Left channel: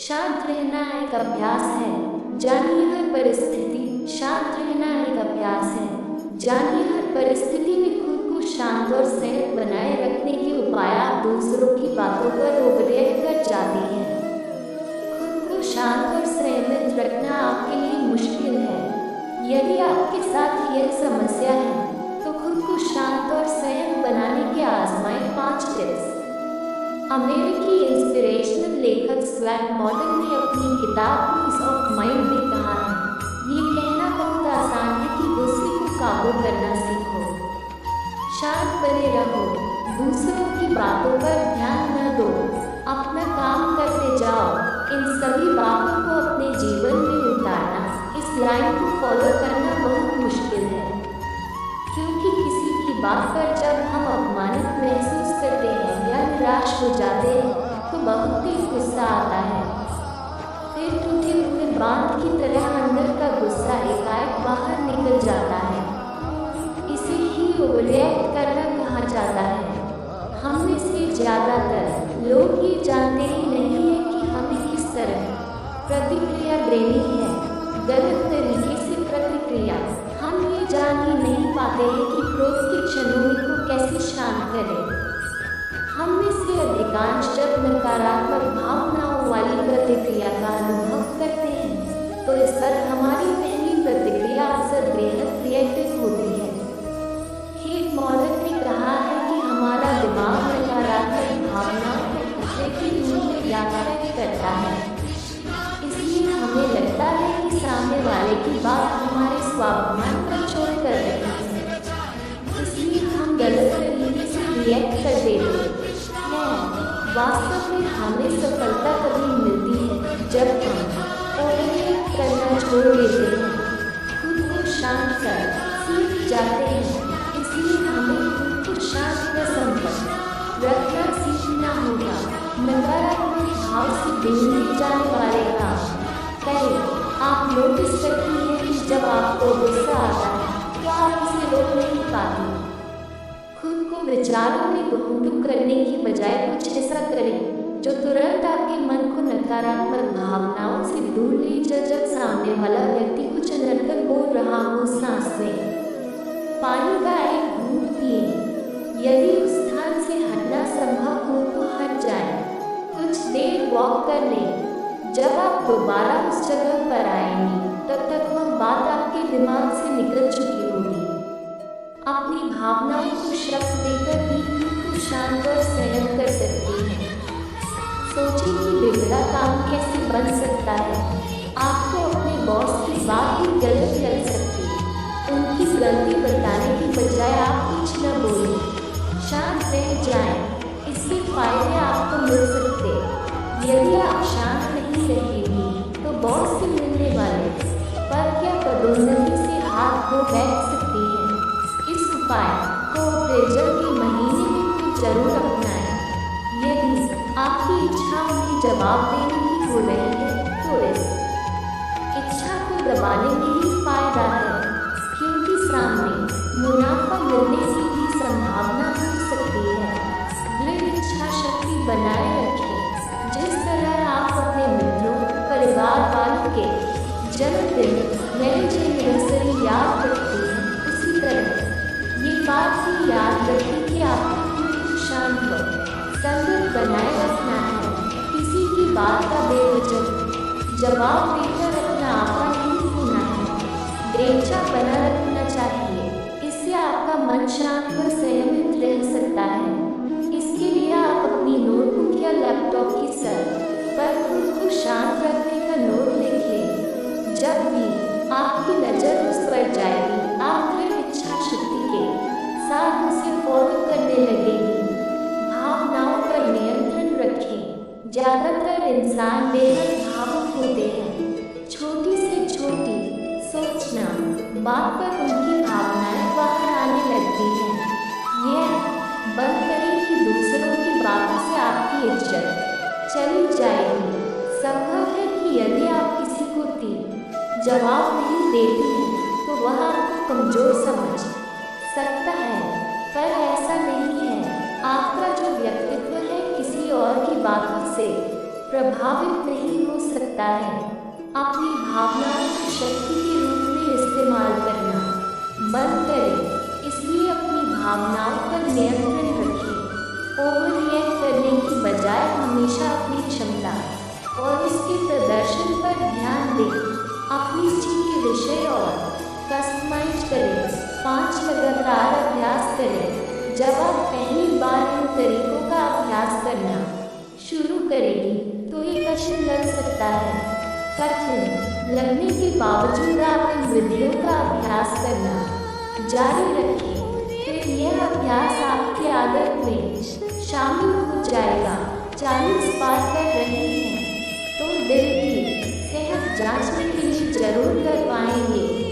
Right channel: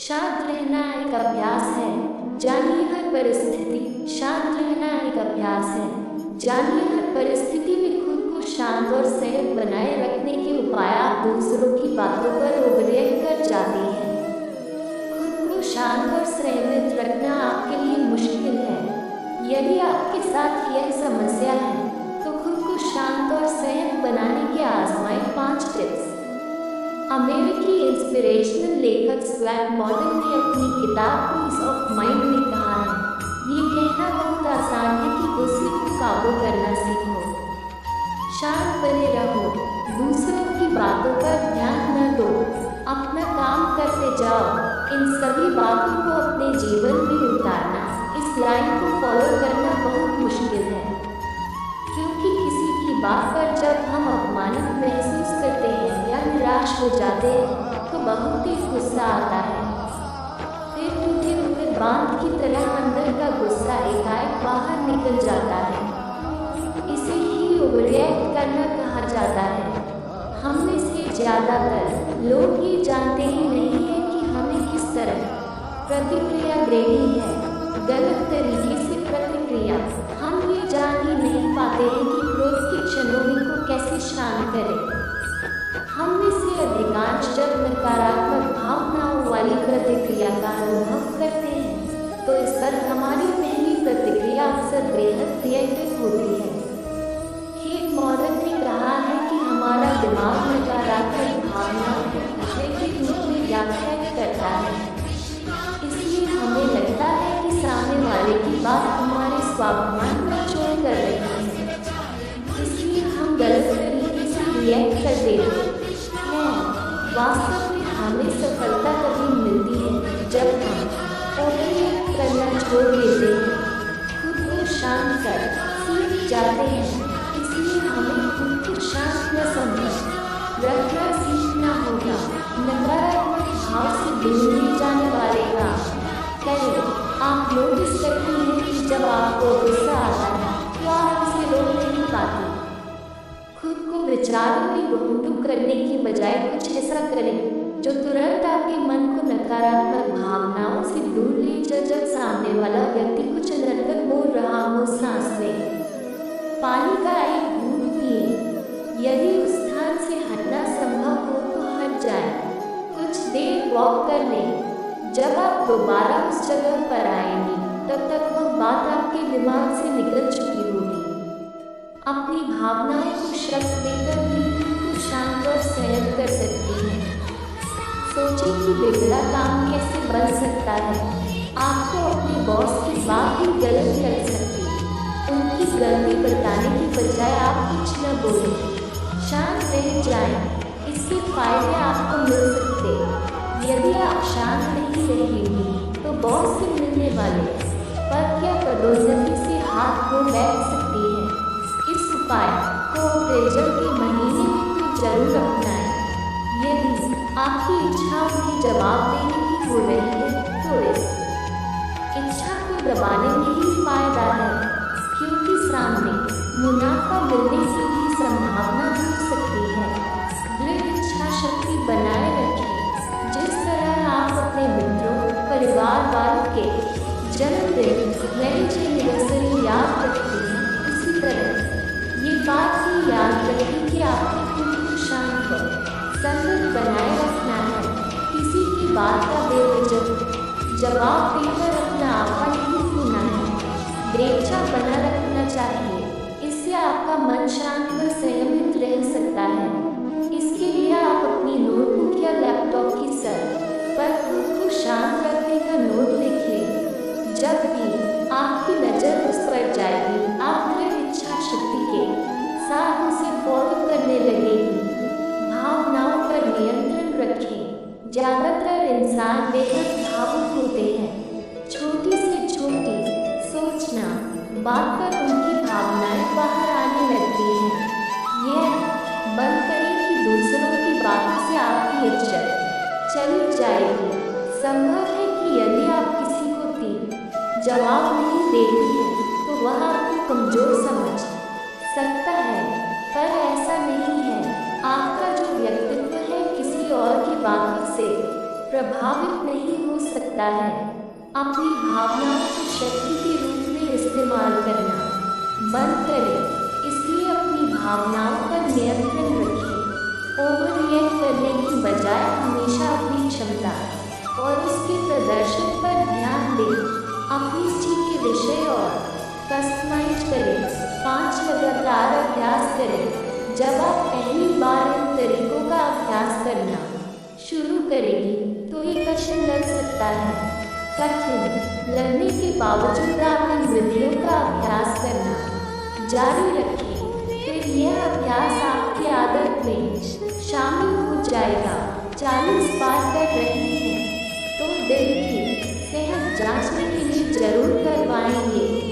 शांत रहना एक अभ्यास है। जानिए हर परिस्थिति शांत रहना एक अभ्यास है। जानिए हर परिस्थिति में खुद को शांत और संयत बनाए रखने के उपाय। आप दूसरों की बातों पर ओवररिएक्ट कर जाती हैं। खुद को शांत और संयमित रखना आपके लिए मुश्किल है। यदि आपके साथ यह समस्या है तो खुद को शांत और संयत बनाने के आजमाएं 5 टिप्स। अमेरिकी इंस्पिरेशनल लेखक स्वैट मॉडर्न ने अपनी किताब पीस ऑफ माइंड में कहा है, ये कहना बहुत आसान है कि गुस्से को काबू करना सीखो। शांत बने रहो, दूसरों की बातों पर ध्यान न दो, अपना काम करते जाओ। इन सभी बातों को अपने जीवन में उतारना, इस लाइन को फॉलो करना बहुत मुश्किल है, क्योंकि किसी की बात पर जब हम अपमानित महसूस करते हैं या निराश हो जाते हैं तो बहुत ही गुस्सा आता है। फिर टूटे हुए बांध की तरह अंदर का गुस्सा एकाएक बाहर निकल जाता है। इसे ही ओवररिएक्ट करना कहा जाता है। हम में से ज़्यादातर लोग ये जानते ही नहीं है कि हमें किस तरह प्रतिक्रिया देनी है। गलत तरीके से प्रतिक्रिया। हम ये जान ही नहीं पाते हैं कि क्रोध के क्षणों में को कैसे शांत करें। हम में से अधिकांश जब नकारात्मक भावनाओं वाली प्रतिक्रिया का अनुभव करते हैं तो इस पर हमारी पहली प्रतिक्रिया अक्सर बेहद रिएक्टिव होती है। केट मॉडर्न ने कहा है कि हमारा दिमाग नकारात्मक भावनाओं को खतरे के रूप में व्याख्या करता है, इसलिए हमें लगता है कि सामने वाले की बात हमारे स्वाभिमान पर चोट कर रही है, इसलिए हम गलत तरीके से रिएक्ट कर देते हैं। वास्तव में हमें सफलता तभी मिलती है जब हम ओवररिएक्ट करना छोड़ देते हैं, खुद को शांत कर सीख जाते हैं। इसलिए हमें खुद को शांत व संपन्न रखना सीखना होगा। नकारात्मक भाव से दूर ले जाने वाले काम करें। आप नोटिस करती हैं कि जब आपको गुस्सा आता है तो आप उसे रोक नहीं पाती। खुद को विचारों में घूंटू करने की बजाय कुछ ऐसा करें जो तुरंत आपके मन को नकारात्मक भावनाओं से दूर ले जाए। जब सामने वाला व्यक्ति कुछ अनर्गल बोल रहा हो, सांस लें, पानी का एक घूंट पिए। यदि उस स्थान से हटना संभव हो तो हट जाएं। कुछ देर वॉक कर लें। जब आप दोबारा उस जगह पर आएंगी तब तक वह बात आपके दिमाग से निकल चुकी होगी। अपनी भावनाओं को शब्द देकर भी खुद को शांत और संयत कर सकती हैं। सोचिए कि बिगड़ा काम कैसे बन सकता है। आपको अपने बॉस की बात भी गलत लग सकती, उनकी गलती बताने की बजाय आप कुछ न बोलें, शांत रह जाएं। इसके फायदे आपको मिल सकते। यदि आप शांत नहीं रहेंगी तो बॉस से मिलने वाले पद या पदोन्नति से हाथ धो बैठ सकती है। इस उपाय को अप्रैल के महीने में तो जरूर अपनाएं। यदि आपकी इच्छा उन्हें जवाब देने की हो रही है तो इस इच्छा को दबाने में ही फायदा है, क्योंकि सामने मुनाफा मिलने की भी संभावना हो सकती है। दृढ़ इच्छा शक्ति बनाए रखें। जिस तरह आप अपने मित्रों, परिवार वालों के जन्मदिन, मैरिज एनिवर्सरी याद रखती हैं, उसी तरह ये बात भी याद रखें कि आपको खुद को शांत व संतुलित बनाए रखना है। किसी की बात का बेवजह जवाब देकर अपना आपा नहीं खोना है। दृढ़ता बना रखना चाहिए, इससे आपका मन शांत व संयमित रह सकता है। इसके लिए आप अपनी नोटबुक या लैपटॉप की सर पर खुद को शांत रखने का नोट लिख लें। जब भी आपकी नज़र उस पर जाएगी, आप दृढ़ इच्छा शक्ति के साथ उसे फॉलो करने लगेगी। भावनाओं पर नियंत्रण रखें। ज़्यादातर इंसान बेहद भावुक होते हैं। छोटी से छोटी सोचना बात पर उनकी भावनाएं बाहर आने लगती हैं। यह बंद करें कि दूसरों की बातों से आपकी इज्जत चली जाएगी। संभव है कि यदि आप किसी को जवाब नहीं देती हैं तो वह आपको कमज़ोर समझ सकता है, पर ऐसा नहीं है। आपका जो व्यक्तित्व है किसी और की बातों से प्रभावित नहीं हो सकता है। अपनी भावनाओं को शक्ति के रूप में इस्तेमाल करना बंद करें। इसलिए अपनी भावनाओं पर नियंत्रण रखें। ओवर रिएक्ट करने की बजाय हमेशा अपनी क्षमता और उसके प्रदर्शन पर ध्यान दें। अपनी रुचि के विषय और कस्टमाइज करें। 5 लगातार अभ्यास करें। जब आप पहली बार इन तरीकों का अभ्यास करना शुरू करेंगी तो ये कठिन लग सकता है। कठिन लगने के बावजूद आप इन विधियों का अभ्यास करना जारी रखें। फिर यह अभ्यास आपकी आदत में शामिल हो जाएगा। 40 बार कर रहे हैं तो दिल की सेहत जांचने के लिए जरूर करवाएंगे।